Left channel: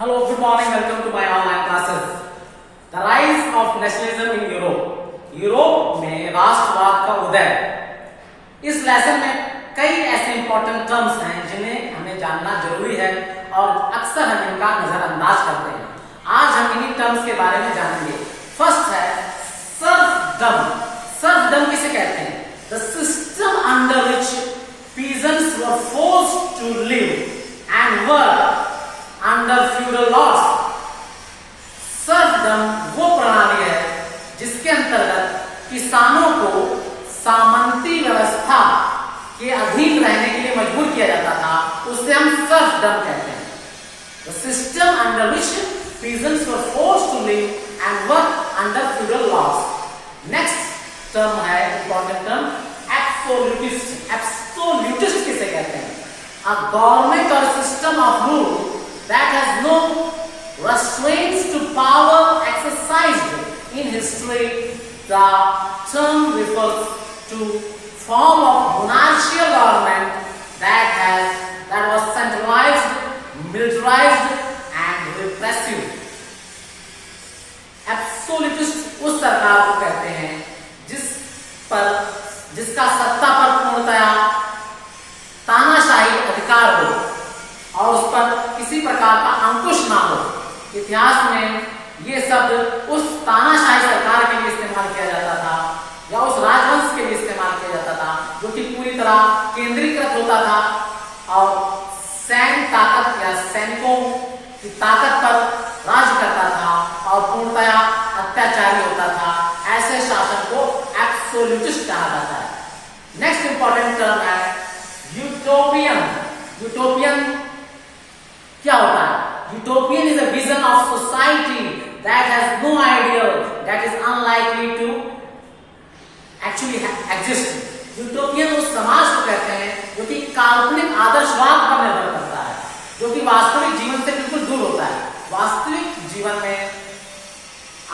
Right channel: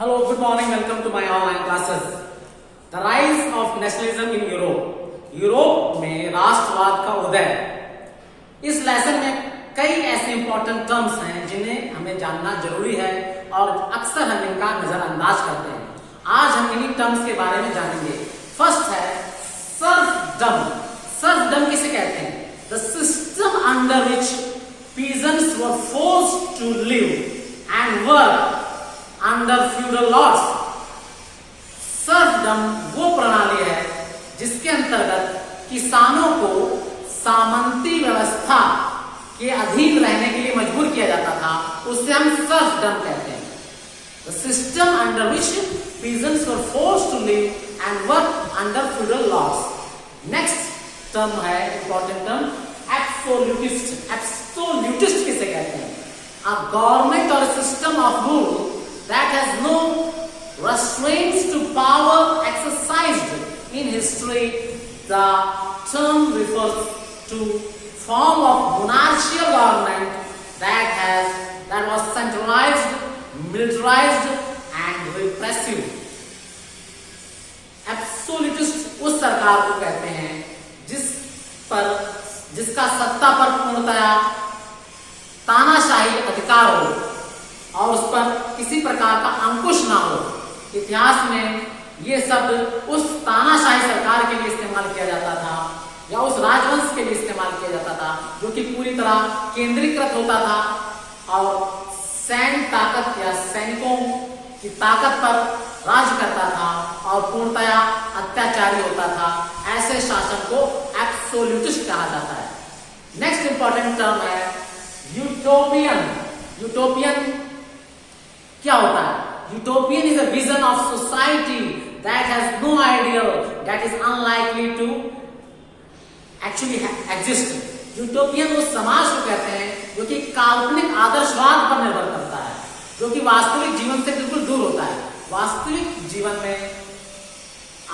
Hello, good morning, welcome to my online classes. The rise of nationalism in Europe. Europe में राष्ट्रवाद का उदय। इस lesson में कई ऐसे इंपॉर्टेंट टर्म्स हैं जिन्हें हमें जानना जरूरी है और अक्सर हम इनका नजरअंदाज करते हैं। आज हम इन्हीं टर्म्स के बारे में जानेंगे। फर्स्ट है सर्फडम। सर्फडम किसे कहते हैं? The system under which peasants were forced to live and work under feudal laws. Serfdom वो प्रणाली है जिसके अंतर्गत किसानों को सामंती व्यवस्था के अधीन रहने के लिए मजबूर किया जाता था, उसे हम सर्फडम कहते हैं। The system under which peasants were forced to live and work under feudal laws. Next term है important term absolutist. Absolutist किसे कहते हैं? A government or a system of rule that has no restraints to power exercised in history. The term refers to form of monarchical government that was centralized, militarized and repressive. Absolutist उस सरकार को कहते हैं जिसका सत्ता पर पूर्णतया तानाशाही अधिकार हो और उस पर किसी प्रकार का अंकुश ना हो। इतिहास में ये शब्द उस तानाशाही सरकार के लिए इस्तेमाल किया जाता था या उस राजवंश के लिए इस्तेमाल किया जाता था जो कि पूरी तरह केंद्रीकृत होता था और सैन्य ताकत या सैनिकों की ताकत पर राज करता था और पूर्णतया अत्याचारी होता था। ऐसे शासन को एब्सोल्यूटिस्ट कहा जाता है। नेक्स्ट इंपॉर्टेंट टर्म है यूटोपियन। यूटोपियन क्या होता है? Utopian is a vision of society that has no ideal that is unlikely to actually exist. Utopian उस समाज को कहते हैं जो कि काल्पनिक आदर्शवाद पर निर्भर करता है, जो कि वास्तविक जीवन से बिल्कुल दूर होता है। वास्तविक जीवन में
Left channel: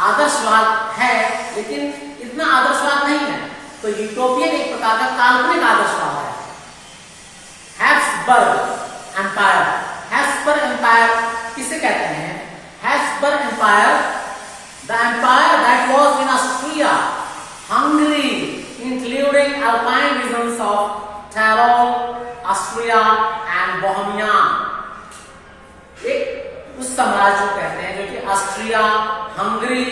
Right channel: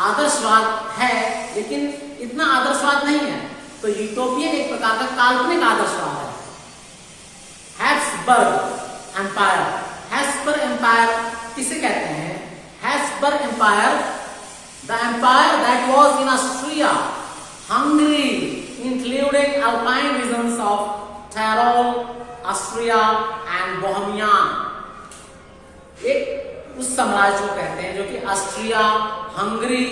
आदर्शवाद है लेकिन इतना आदर्शवाद नहीं है, तो यूटोपियन एक प्रकार का काल्पनिक आदर्शवाद है। Habsburg empire. हैब्सबर्ग एम्पायर किसे कहते हैं? Habsburg empire the empire that was in Austria, Hungary, including Alpine regions of Tyrol, Austria and Bohemia. एक उस साम्राज्य को कहते हैं जो कि ऑस्ट्रिया, हंगरी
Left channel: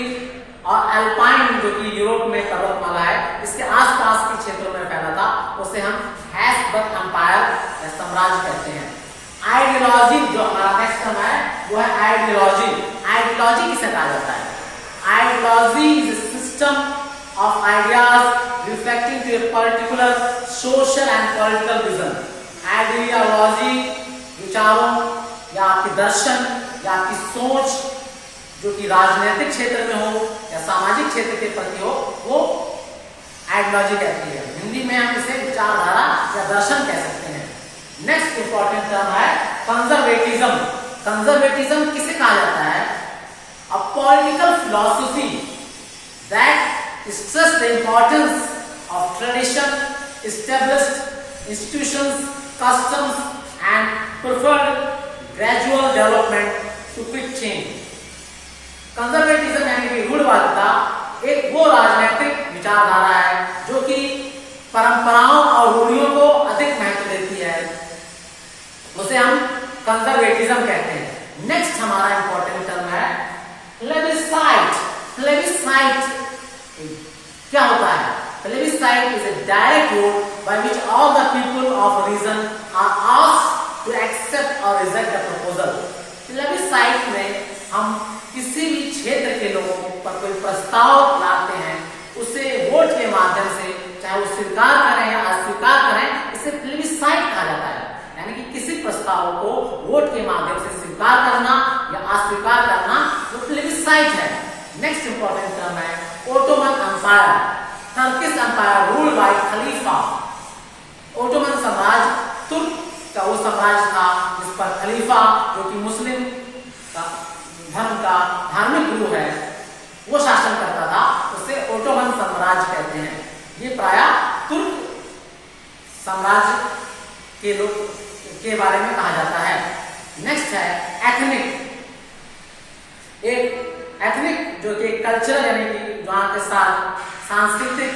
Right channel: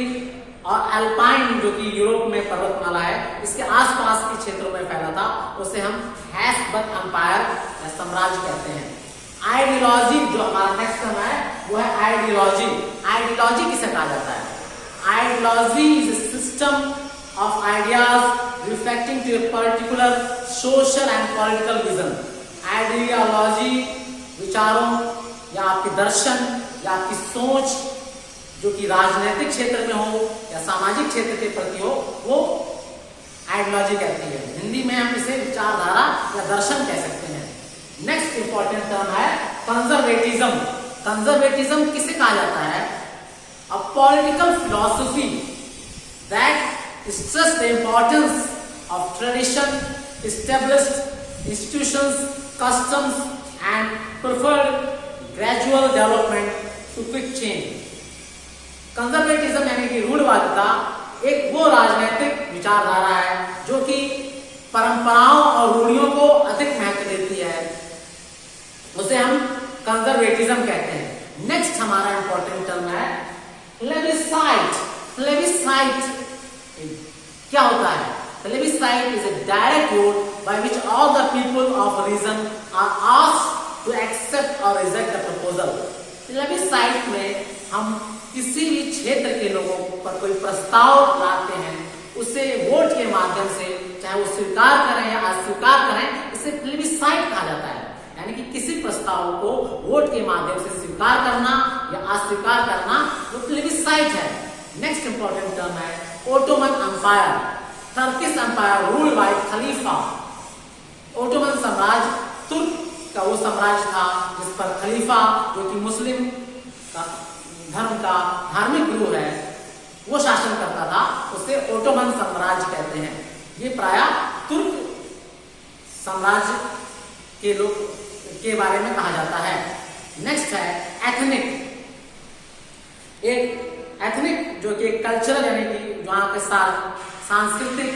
और अल्पाइन जो कि यूरोप में पर्वतमाला है इसके आसपास के क्षेत्रों में फैला था, उसे हम हैब्सबर्ग एम्पायर या साम्राज्य कहते हैं। आइडियोलॉजी जो हमारा नेक्स्ट टर्म है वो है आइडियोलॉजी। आइडियोलॉजी किसे कहा जाता है? Ideology is a system of ideas reflecting to a particular social and political vision. Ideology विचारों या आपके दर्शन या आपकी सोच जो कि राजनीतिक क्षेत्र में हो या सामाजिक क्षेत्र के प्रति हो, वो आइडियोलॉजी कहती है। हिंदी में हम इसे विचारधारा या दर्शन कह सकते हैं। नेक्स्ट इंपॉर्टेंट टर्म है कंजर्वेटिज्म। कंजर्वेटिज्म किसे कहा जाता है? A political philosophy that stress the importance of tradition, established institutions, customs and preferred gradual development to quick change. Conservatism यानी कि रूढ़वादिता एक वो राजनीतिक विचारधारा है जो कि परंपराओं और रूढ़ियों को अधिक महत्व देती है, उसे हम कंजर्वेटिज्म कहते हैं। नेक्स्ट हमारा इंपॉर्टेंट टर्म है प्लेबिसाइट। प्लेबिसाइट क्या होता है? Plebiscite is a direct vote by which all the people of region are asked to accept और रिजेक्ट द प्रपोजल। प्लेबिसाइट में हम किसी भी क्षेत्र के लोगों पर कोई प्रस्ताव लाते हैं, उसे वोट के माध्यम से चाहे वो स्वीकार करें या अस्वीकार करें, इसे प्लेबिसाइट कहा जाता है। यानी कि किसी प्रस्ताव को वोट के माध्यम से स्वीकार करना या अस्वीकार करना वो प्लेबिसाइट है। नेक्स्ट इंपॉर्टेंट टर्म है Ottoman empire. Turkish empire ruled by खलीफा। ओटोमन साम्राज्य तुर्क का वो साम्राज्य था जिस पर खलीफा जो कि मुस्लिम धर्म का धार्मिक गुरु है वो शासन करता था, उसे ओटोमन साम्राज्य कहते हैं। ये प्रायः तुर्क साम्राज्य के लोग के बारे में कहा जाता है। नेक्स्ट है एथनिक। एक एथनिक जो कि कल्चरल यानी कि वहाँ के साथ सांस्कृतिक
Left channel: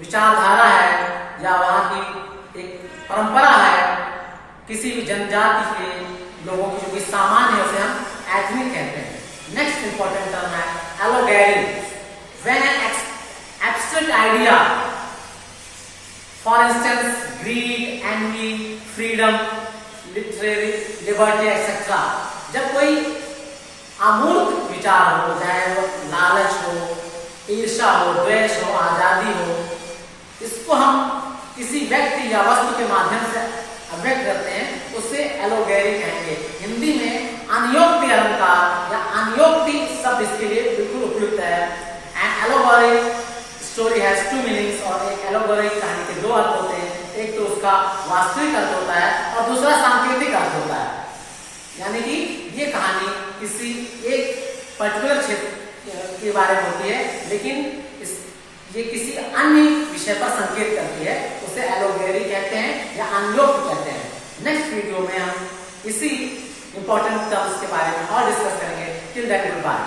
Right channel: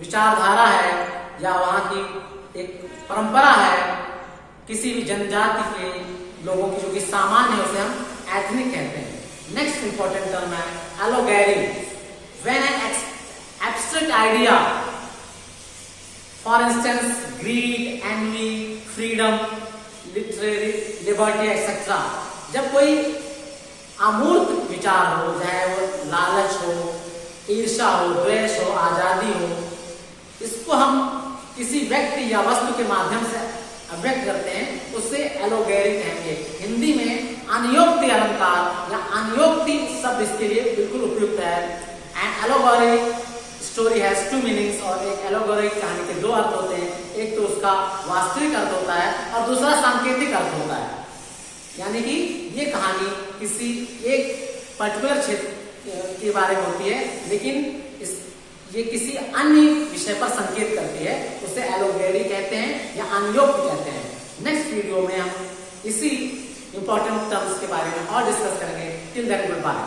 विचारधारा है या वहाँ की एक परंपरा है किसी भी जनजाति के लोगों की जो कि सामान्य है उसे हम एथनिक कहते हैं। नेक्स्ट इंपॉर्टेंट टर्म है allegory. When an abstract idea for instance greed, envy, freedom, literary liberty etcetera, जब कोई अमूर्त विचार हो, चाहे वो लालच हो, ईर्ष्या हो, द्वेष हो, आजादी हो, इसको हम किसी व्यक्ति या वस्तु के माध्यम से अभिव्यक्त करते हैं, उससे एलोगेरी कहेंगे। हिंदी में अनियोक्ति अलंकार या अनियोक्ति शब्द इसके लिए बिल्कुल उपयुक्त है। An allegory story has two meanings, और एक एलोगोरी कहानी के दो अर्थ होते हैं, एक तो उसका वास्तविक अर्थ होता है और दूसरा सांकेतिक अर्थ होता है। यानी कि ये कहानी किसी एक पर्टिकुलर क्षेत्र के बारे में होती है, लेकिन ये किसी अन्य विषय पर संकेत करती है, उसे एलोगेरी कहते हैं या अनियोक्त कहते हैं। नेक्स्ट वीडियो में हम इसी इंपॉर्टेंट टर्म्स के बारे में और डिस्कस करेंगे। Till then good bye.